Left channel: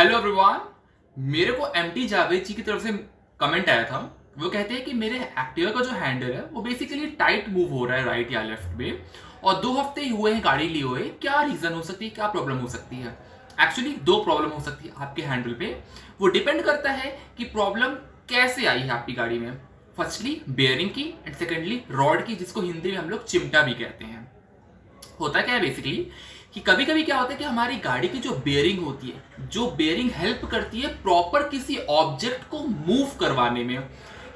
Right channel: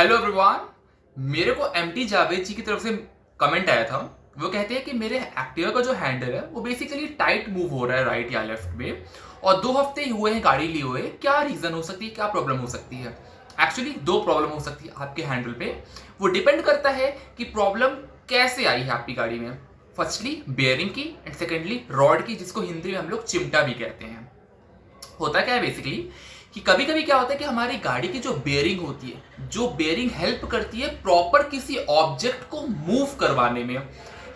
Hello everyone. मेरे को MT Javed जी की तरफ से कमेंट आया था। वो कहते हैं कि मेरे एक्टिवा का जो हैंडल है वो बेसिकली टाइट मूव हो रहा है राइट या लेफ्ट में, और 2 हफ्ते ही हुए हैं गाड़ी लिए हुए। क्या रीजन हो सकती है, क्या प्रॉब्लम हो सकती है? एक्चुअली 2 प्रॉब्लम हो सकती है आपके हैंडल पे। वो डिपेंड करता है कि प्रॉब्लम कैसे आई है आपकी गाड़ी में। फर्स्टली बेयरिंग की एंड सेकेंडली रॉड की, जिसको हिंदी में हम लोग चिमटा भी कहते हैं। होता क्या है बेसिकली कि कभी कभी क्या होता है कि हमारी गाड़ी की जो बेयरिंग होती है, जो बेयरिंग हेल्प करती है प्रॉपर किसी ऑब्जेक्ट को मूव करवाने में।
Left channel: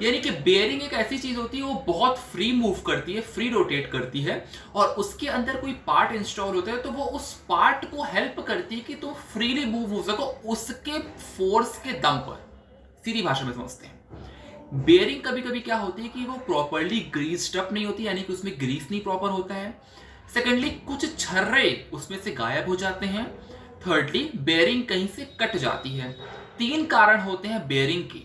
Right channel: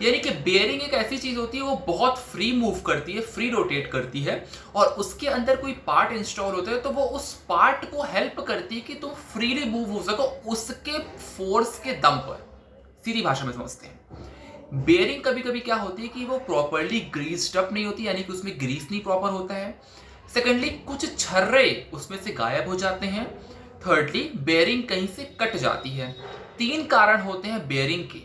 यानी कि बेयरिंग एक ऐसी चीज होती है, वो बहुत फ्री मूव करती है, फ्री रोटेट करती है, और उसके अंदर कोई पार्ट इंस्टॉल होता है तो वो उस पार्ट को हेल्प करती है कि तुम फ्रीली मूव हो सको उसके फोर्स के दम पर। सीधी भाषा में समझते हैं। बेयरिंग कभी कभी क्या होती है कि वो प्रॉपरली ग्रीस्ड अप नहीं होती, यानी कि उसमें ग्रीस नहीं प्रॉपर होता है। सेकेंडली कुछ छर्रे उसमें से गायब हो जाते हैं। थर्डली बेयरिंग कहीं से कट जाती है। 3 कारण होते हैं बेयरिंग के।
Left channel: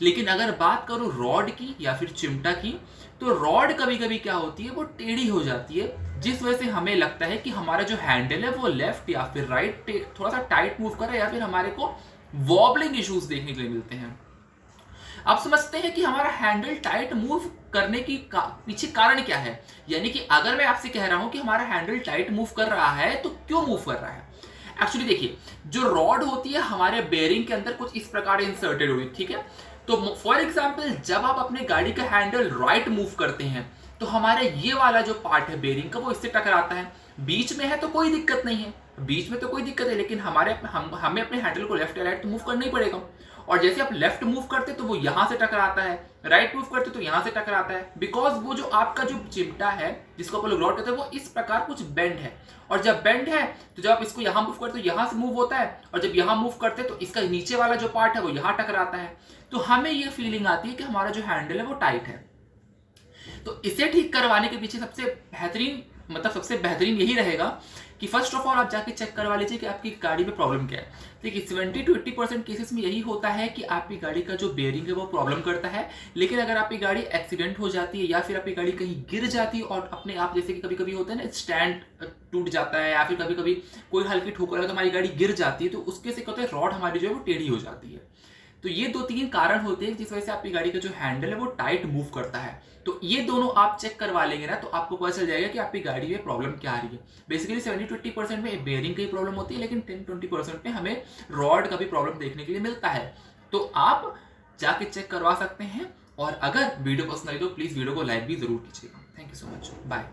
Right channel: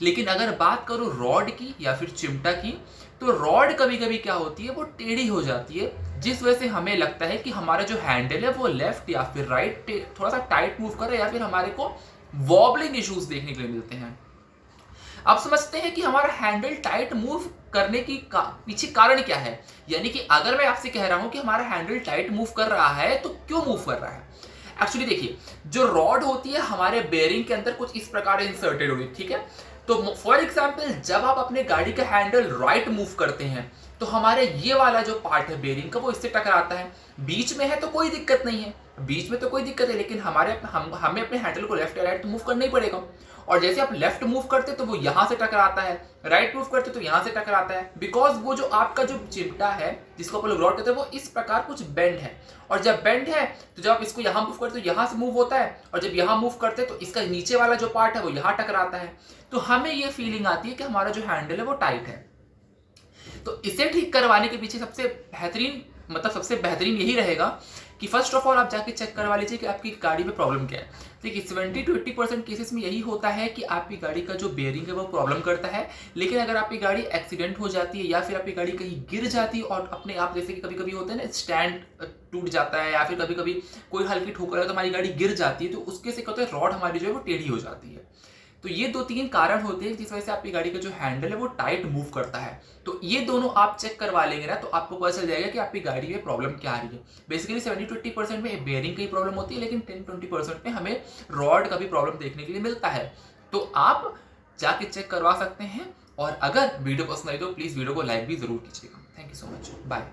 लेकिन अगर बात करूं रॉड की या फिर चिमटा की, तो रॉड कभी कभी क्या होती है, वो टेढ़ी हो जाती है, जिस वजह से हमें लगता है कि हमारा जो हैंडल है वो लेफ्ट या फिर राइट थोड़ा सा टाइट मूव कर रहा है, या फिर हमारे को वॉबलिंग इश्यूज देखने के लिए मिलते हैं। आप समझते हैं कि हमारा हैंडल टाइट मूव करने की पीछे कारण क्या है। यानी कि अगर मैं आपसे कह रहा हूं कि हमारा हैंडल टाइट मूव कर रहा है, तो क्यों मूव कर रहा है? एक्चुअली देखिए, जो रॉड होती है हमारे बेयरिंग के अंदर कुछ इस प्रकार इंसर्टेड हुई, ठीक है। तो फॉर एग्जाम्पल, जब आप अपने गाड़ी का हैंडल राइट मूव करते हैं तो हमारे ये वाला जो पार्ट है बेयरिंग का, वो इससे टकराता है। बीच में है तो कोई दिक्कत नहीं है, बीच में तो कोई दिक्कत है, लेकिन हमें अपने हैंडल को लेफ्ट या राइट तो मूव करना ही पड़ेगा। और जैसे आप लेफ्ट मूव करते तो वो यहां से टकराता है, राइट मूव करते तो यहां से टकराता है, बिकॉज वो जो आपका जो चिमटा है जिसको आप लोग रॉड कहते हैं, वो इस प्रकार कुछ बेंड है। और जब बेंड है तो जब आप इसको यहां मूव करते हो यहां से मूव होता है, और जब यहां मूव करते हैं तो इसका नीचे वाला जो पार्ट है वो यहां टकराता है। तो हमें ये फीलिंग आती है कि हमारा जो हैंडल है वो टाइट है। तो इसे ठीक करवाने के पीछे सबसे बेहतरीन यही रहेगा कि फर्स्ट ऑफ ऑल आप जाके चेक करवा लीजिए कि आपकी गाड़ी में प्रॉब्लम क्या है। देखिए 70 to 80% केसेस में यही होता है कि आपकी गाड़ी का जो बेयरिंग है वो प्रॉब्लम करता है। लेकिन अगर आपकी गाड़ी एक्सीडेंट हो जाती है या फिर आपकी गाड़ी कहीं गिर जाती है और अपने आप, जैसे कि कभी कभी होता है ना, स्टैंड टूट जाता है या फिर कभी कभी कोई हल्की ठोकर है तो हमारी गाड़ी गिर जाती है, तो उसके से क्या होता है, रॉड हमारी जो है वो टेढ़ी हो जाती है। तो ये 2-3 कारण होते हैं जिस वजह से आपकी गाड़ी का जो हैंडल है वो टाइट मूव करता है। तो ये दोनों आप चेक करवा लेंगे ना, तो आपको पता चल जाएगा कि आपकी गाड़ी में प्रॉब्लम क्या आ रही है। बेसिकली 70-80% में बेयरिंग की प्रॉब्लम होती है, लेकिन 10-20% में हमें रॉड का भी प्रॉब्लम देखने के लिए मिलता है। तो आप जाके चेक करवा सकते हैं। और अगर वीडियो पसंद आई तो प्लीज वीडियो को लाइक भी जरूर कीजिएगा। Thank you so much, bye.